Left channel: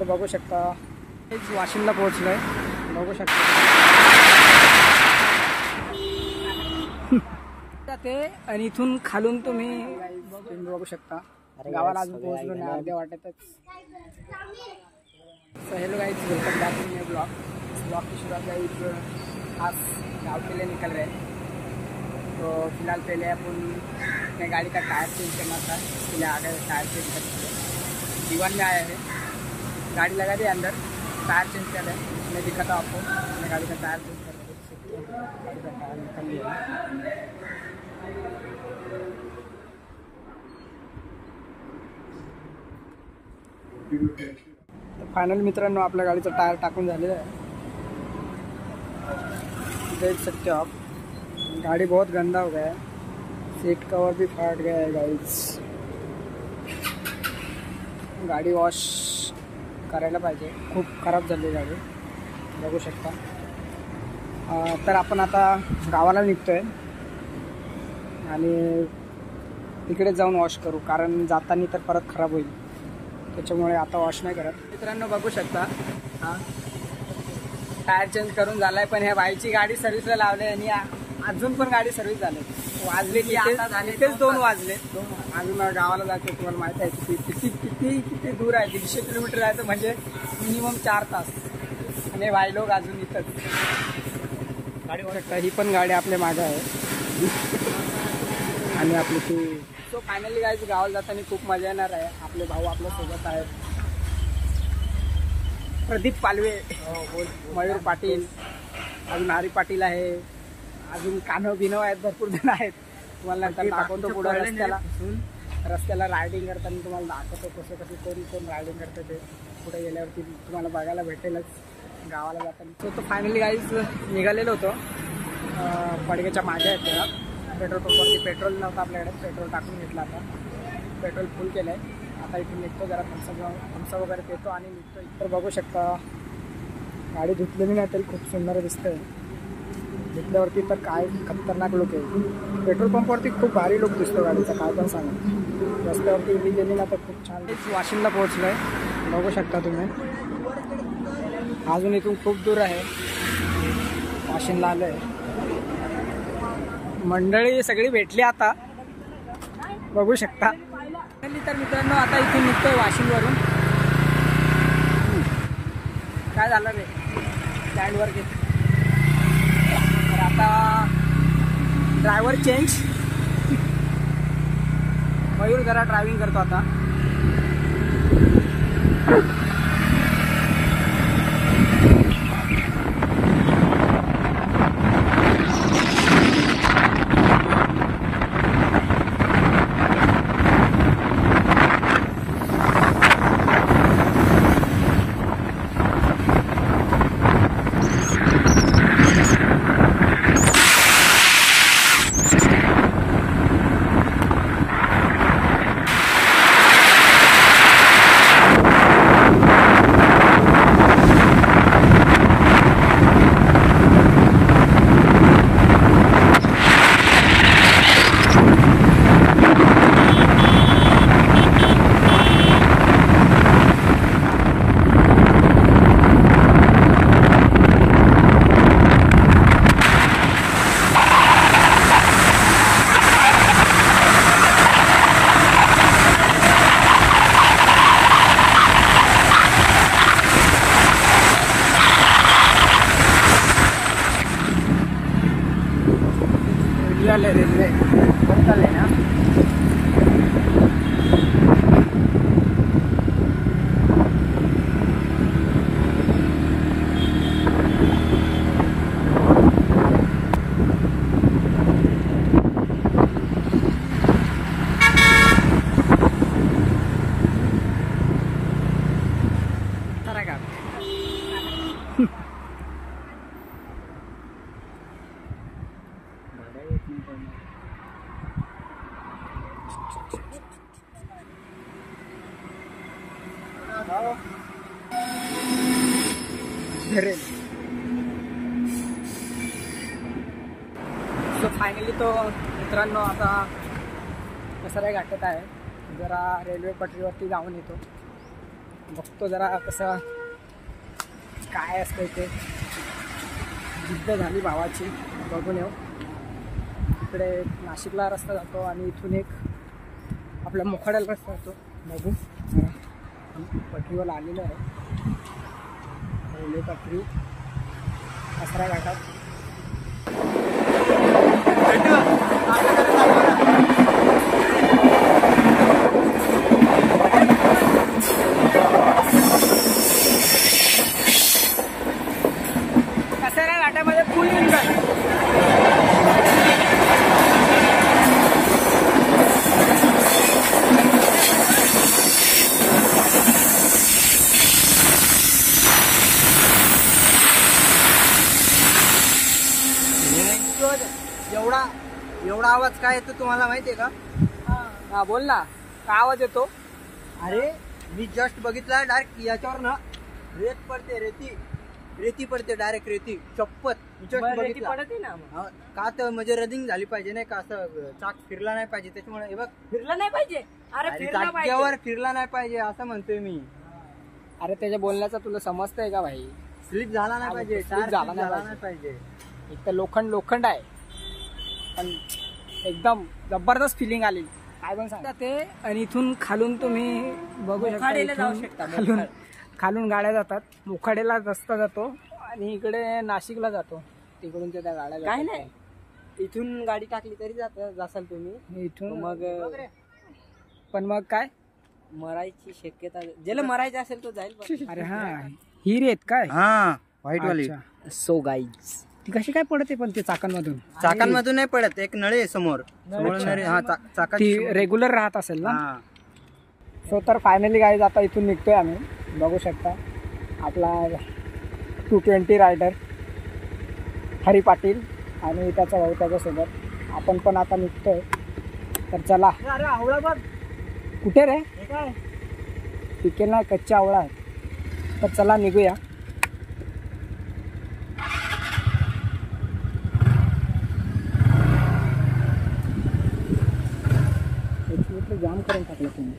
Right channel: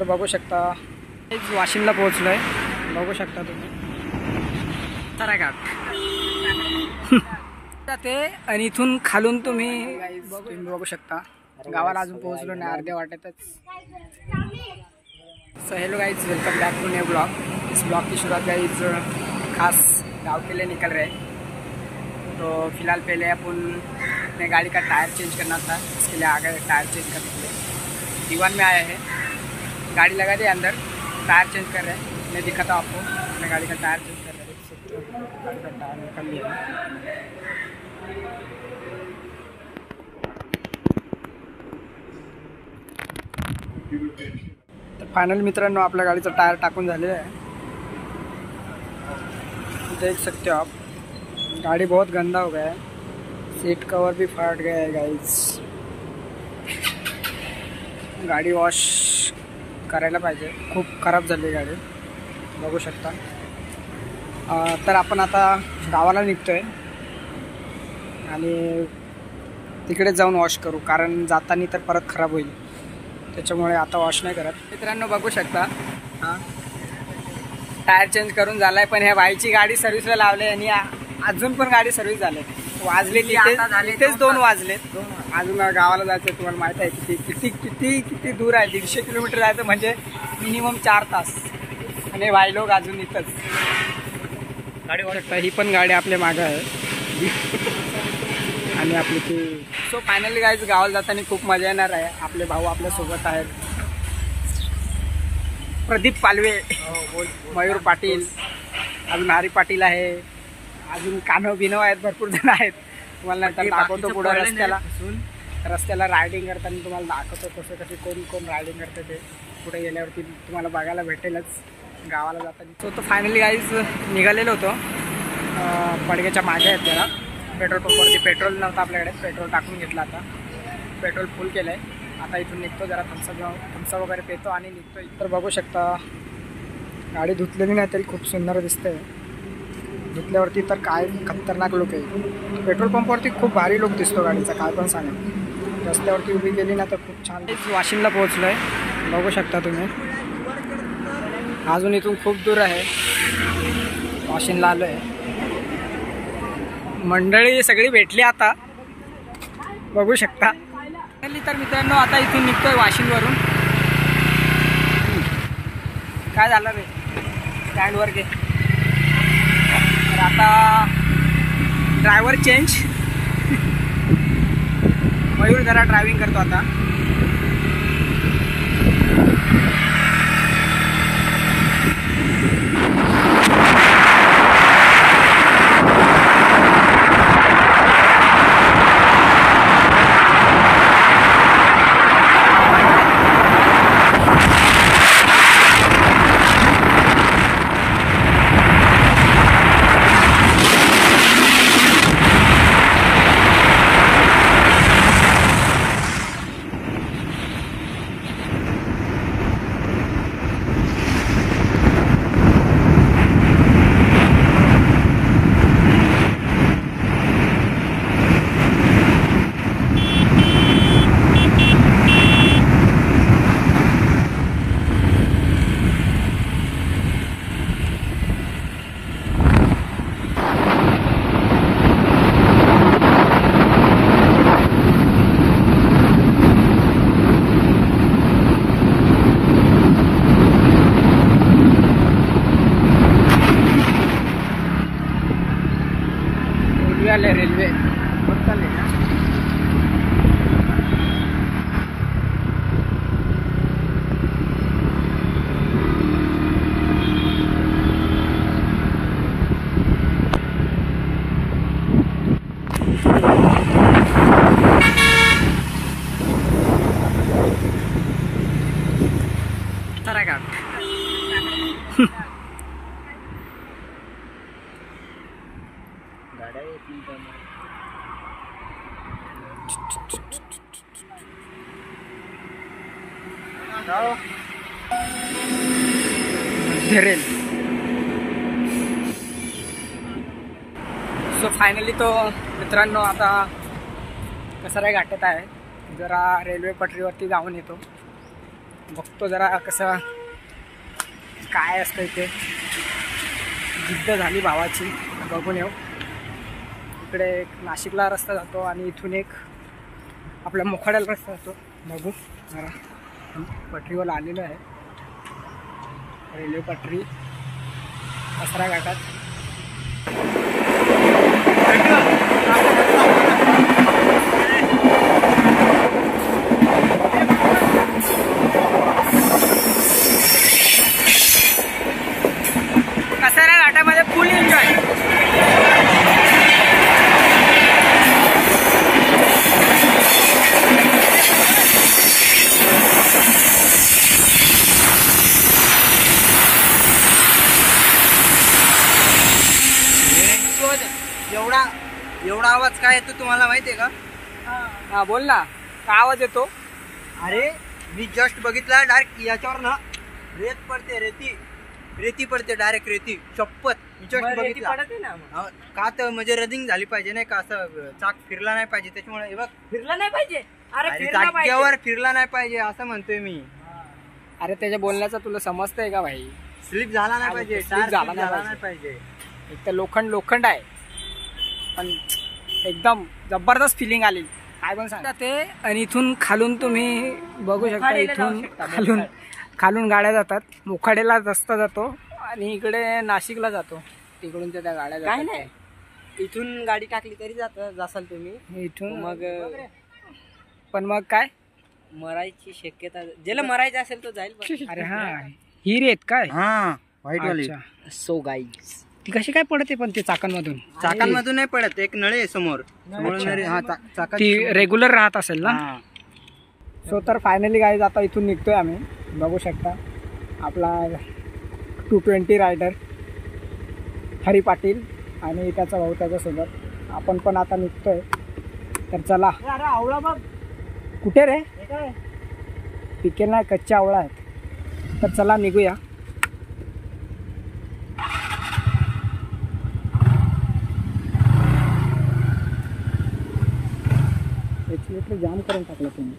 तर बघू शकता वाशिमला पोहोचलोय, बघू शकता ते. आणि इथून खालून तुम्ही बघू शकता गावाला अजून पोहोचलो नाही, अर्ध्या वाटेतच. So hello guys, welcome back to new blog. इस ब्लॉग की शुरुआत गाइज खास गाँव के लिए निकल रहे हैं. तो फिलहाल पहले अपन अपने गाड़ी का टायर चेंज करना था, इसके लिए आ गए टायर चेंज करने के लिए. दीवान में आया है, गाड़ी लगा दी अंदर, टायर चेंज कर रहे हैं. मैं दिखाता हूँ आपको, अपने गाड़ी का टायर चेंज कर रहे हैं. गाड़ी का टायर निकल लिया है. तर फायनल मित्रांनो आपल्या गाडीचा टायर टाकून झालेला आहे. देख सकते हो आप, गाड़ी बहुत गंदा हो गया है. सीट कवर भी फट गया है गाइस. गाडी वॉश करायला पाहिजे, खूप खराब झाली गाडी, बघू शकता. तर आपण आता गावाला निघतोय आणि तिकडे जाऊन वॉश करू, कारण जाताना तर परत खराब होईल, त्याच्यामुळे आता वॉश नाही करत. मित्रांनो बघू शकता, हां टायर चेंज करून झालाय, पण ह्या बाईची गाडी सर्व्हिसला लावली आणि अजून पण गाडी सर्व्हिस झाली. वाजले तेच 2 वाजलेत. अजून गावाला जायचं, तुम्हाला माहिती आहे किती किती किती किती दूर आहे. 150 किलोमीटर जायचं म्हणजे मिनिमम 4 तास. आणि भाई लोक अजून इथंच गाडी बघू शकता. ही पण गाडी आपल्या मागं आहे आणि आपली ती. सो फायनली गाईज गावाला जाताना खूप मजा येणार आहे. आपले भाऊ आपल्यासोबत आहेत, प्रदीप पालवे, मयूर पाटील, अजून हरी पाटील आहे, अजून कानव बिनव आहेत, भरपूर जण आहेत. तुम्हाला नंतर दाखवतो पुढे रस्त्याला रायडिंग करताना तुम्हाला दाखवतो कसं कसे कोण रायडिंग करते ते पुढे गेल्यावरती तुम्हाला बघायला भेटेलच गावाला जाताना. सो तो फायनली गाईज निघालेलो होतो, पडग्याच्या मागे आहेत जरा. पेट्रोल पंपवरती पेट्रोल नव्हतं आपल्याकडे, पेट्रोल टाकून घेतलं. आता पेट्रोल फुल केलं आहे. आता इथून निघतो, जरा थम्सअप वगैरे पितो आणि निघतो. तर बघू शकता गाडी धुतलेली नाही तरी खूप सुंदर दिसते. धुतल्यावरती तर काय खतरनाक लुक आहे. पेट्रोल पंपवरती खूप भारी लुक दिसतो गाडीचा, काय पण सांगा. रस्त्यावरती उभी केली ना तर खूप छान. वाशिमला पोहोचलो आहे, बघू शकता तुम्ही. अजून इथून खूप दूर आहे, वाशिमला आलो आहे. मंडळी सगळी भेटली आता, बघू शकता. तर मित्रांनो आता इथून निघतोय वाशिमवरून. काय झालं रे, स्टँडवर गे. तर आता ड्रायव्हर चेंज. मयूर जरा ड्रायव्हिंग करतो आता. रेल्वे गाड्या येतील धरेल. सो फायनली तो मित्रांनो आता कसारा घाटात आहे. जरा रेल्वे पटरीवरती जाऊन येतो. बघतो जरा कसं काय असतं इथे. जिद्द झाली भावाची, बघून येऊ. इकडे एक नाशिकला रस्ता जातो आणि इथून एक आपल्या मोखाड्याला रस्ता जातो. बघू जरा पटरीवर आलेलो आहे, रेल्वे पटरी कचरा घाटात. कचरा घाटामध्ये फुल एन्जॉय. एवढा आवाज काय येतो तुम्हाला माहितीये का? हा बोल ना, का आवाज येतो? अरे मी जस्ट बघितला, डायरेक्ट याच्यावर ना रेत पडते, रेती पडते, डायरेक्ट रेती. शपथ मी जस्ट बघितला. का तर म्हणजे रनिंग झाली पाहिजे नाही का, असं चाक फिरला नाही पाहिजे, त्याच्यामुळे हे बघ फिरला नाही पाहिजे. अरे जागेवर फिरला नाही पाहिजे असं म्हणतोय मी. अरे त्याच्या बोलण्याचा तुला समजतंय का भाई? स्लिप झाला नाही पाहिजे, slip झाला नाही पाहिजे. एक तर लोखंड आहे, पण एकदम जबरदस्त फिलिंग आली. काय पण सांगा ते. आणि इथून खालून तुम्ही बघू शकता, इथून खालून गाड्या जातात. मोखाडेला रस्ता जातो आणि इकडे नाशिकला जातो. तिकडून त्या गाड्या काय जातात. नाही, इथून गाडी टाकली तरी जासाल तुम्ही इथून मग. पण मग काय मरायची शक्यता, ज्याला मरायचं असेल तो जाईल. अरे हा ही रेत काय? हा व्हाईट वाली. सो गाईज ती कशी काय पडते पण ते चाकांमधून नाही पडत, एक नळी आहे समोर. ती रेग्युलर राहत असेल ना. सो तर फायनली गाईज आता इथून निघतोय आम्ही. बघू शकता आपला 220 रायडर हरी पाटील आणि त्याचा भाऊ त्याच्यासोबत. आपण पण आता निघतोय, तर चला. अरे आवळा बघ कुठे रे? पिकेल नाही, कच्च्या आवळा आहेत. तर चला निघूया. एक्सिलेटर जाम करून टाकलं तुम्ही.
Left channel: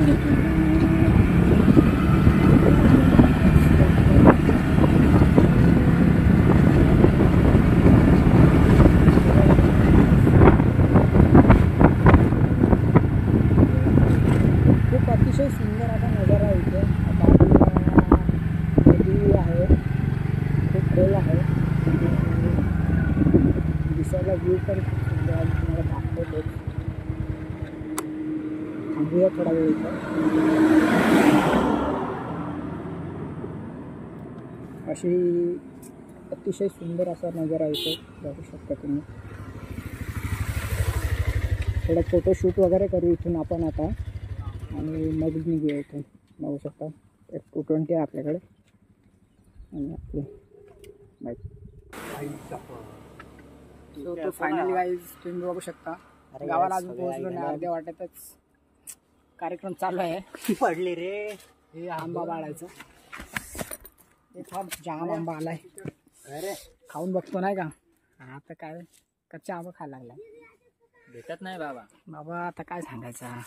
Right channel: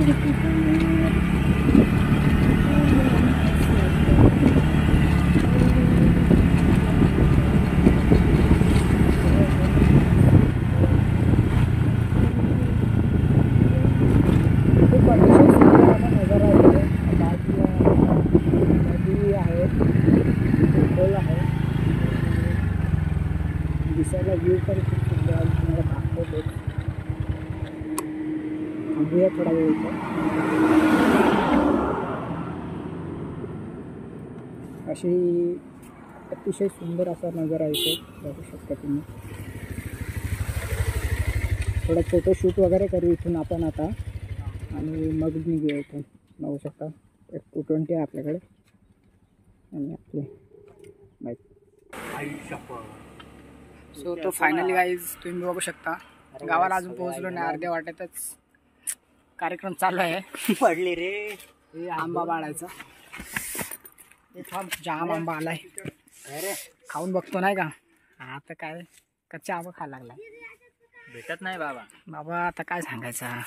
खूप अतिशय सुंदर असा नजारा आहे. बाजूला नदी आहे, खूप खोल आहे. दिसायला व्ह्यू पण खूप सुंदर आहे. तुम्हाला दाखवतोच. थांबूया थोडा वेळ इथं. अशी अतिशय सुंदर असा नजारा इथं बघू शकता तुम्ही. थोडं फोटोशूट वगैरे करू इथून आपण आता आणि मग निघूया इथून. बघू शकता एक 220 आहे आपल्याकडे आणि आपली बाईक. सो तो फायनली गाईज तुम्ही बघू शकता गावाला अजून पोहोचलो नाही. अर्ध्या वाटेतच कार्यक्रम चालू आहे. पडले रे. हे आंबा बाळायचा जाम आंबा आलाय. अरे खाऊन बघतो नाही का. आता काय कच्चा आंबा खायला लागला. भेटत नाही बाबा. बाबा आता काय सांगायचं.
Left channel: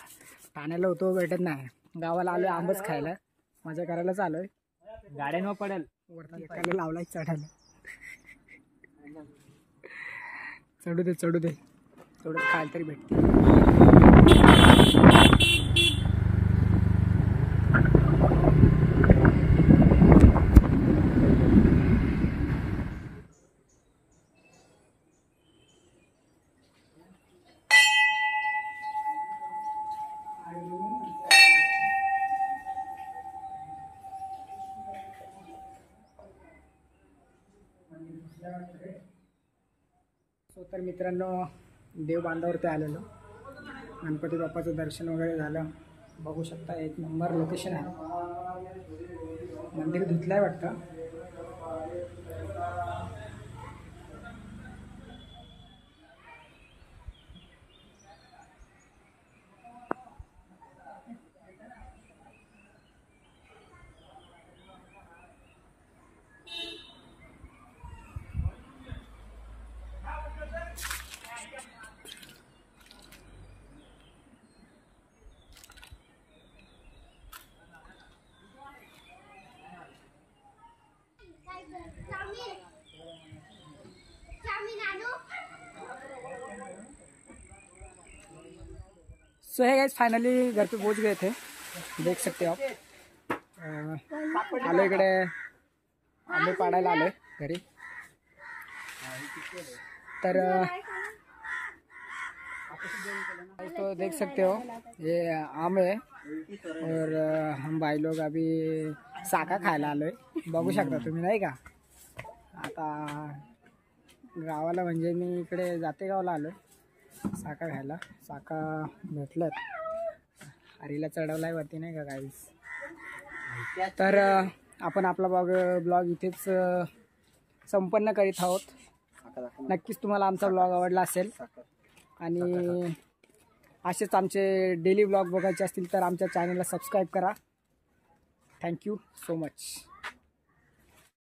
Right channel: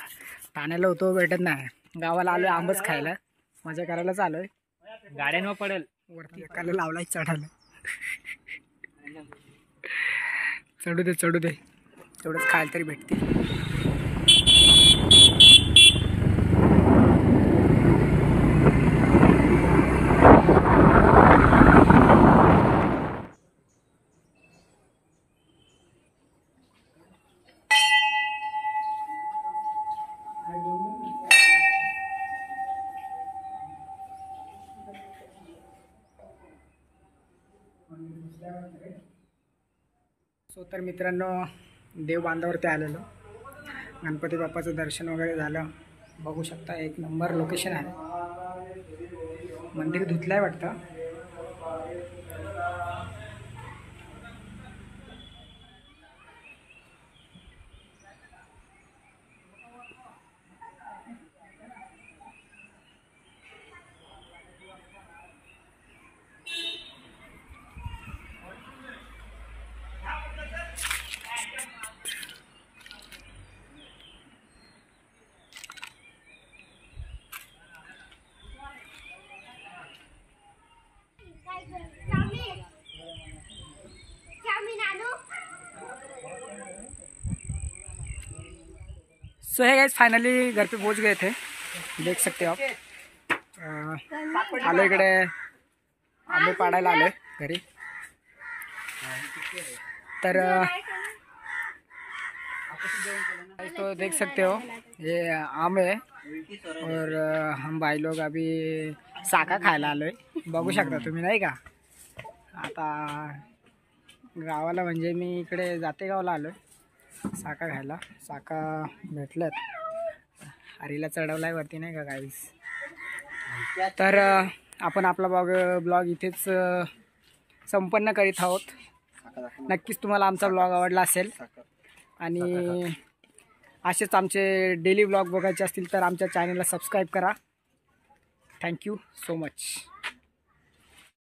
ठाण्याला होतो भेटत नाही. गावाला आलोय आंबच खायला. मजा करायला चालूय. गाड्यांवर पडेल. वरती एकाला लावलाय चढायला. चढू दे चढू दे. तेवढंच खायला तरी भेटते. सो तर मित्रांनो देव बांधावरती आलेलो. गणपती बाप्पाचं दर्शन वगैरे झालं. बघू शकता एक नंबर लोकेशन आहे. मंदिर धुतलंय वाटतं. सो है गाइस फाइनली घर पे पहुंच गए थे. देख सकते हो आप. आलो इकडे आंबे पाडायला आलोय घरी. तर तो देख सकते हो ये आम है और हम भाई लोग अभी साका खायला आलोय. बघू शकता तुम्ही नाही का. आता गावाला म्हणजे मी इकडे जाते गावाला आलोय साका खायला. साका भेटलं. हरीला चढवलाय वरती नाही का गाईस. तर आपण आपला ब्लॉग इथेच संपन्न करीत आहोत. नक्कीच तुम्हाला आमचा ब्लॉग आवडला असेल आणि असेच आमचे डेली ब्लॉग बघायचे असतील तर आमच्या चॅनलला सबस्क्राईब करा. Thank you so much.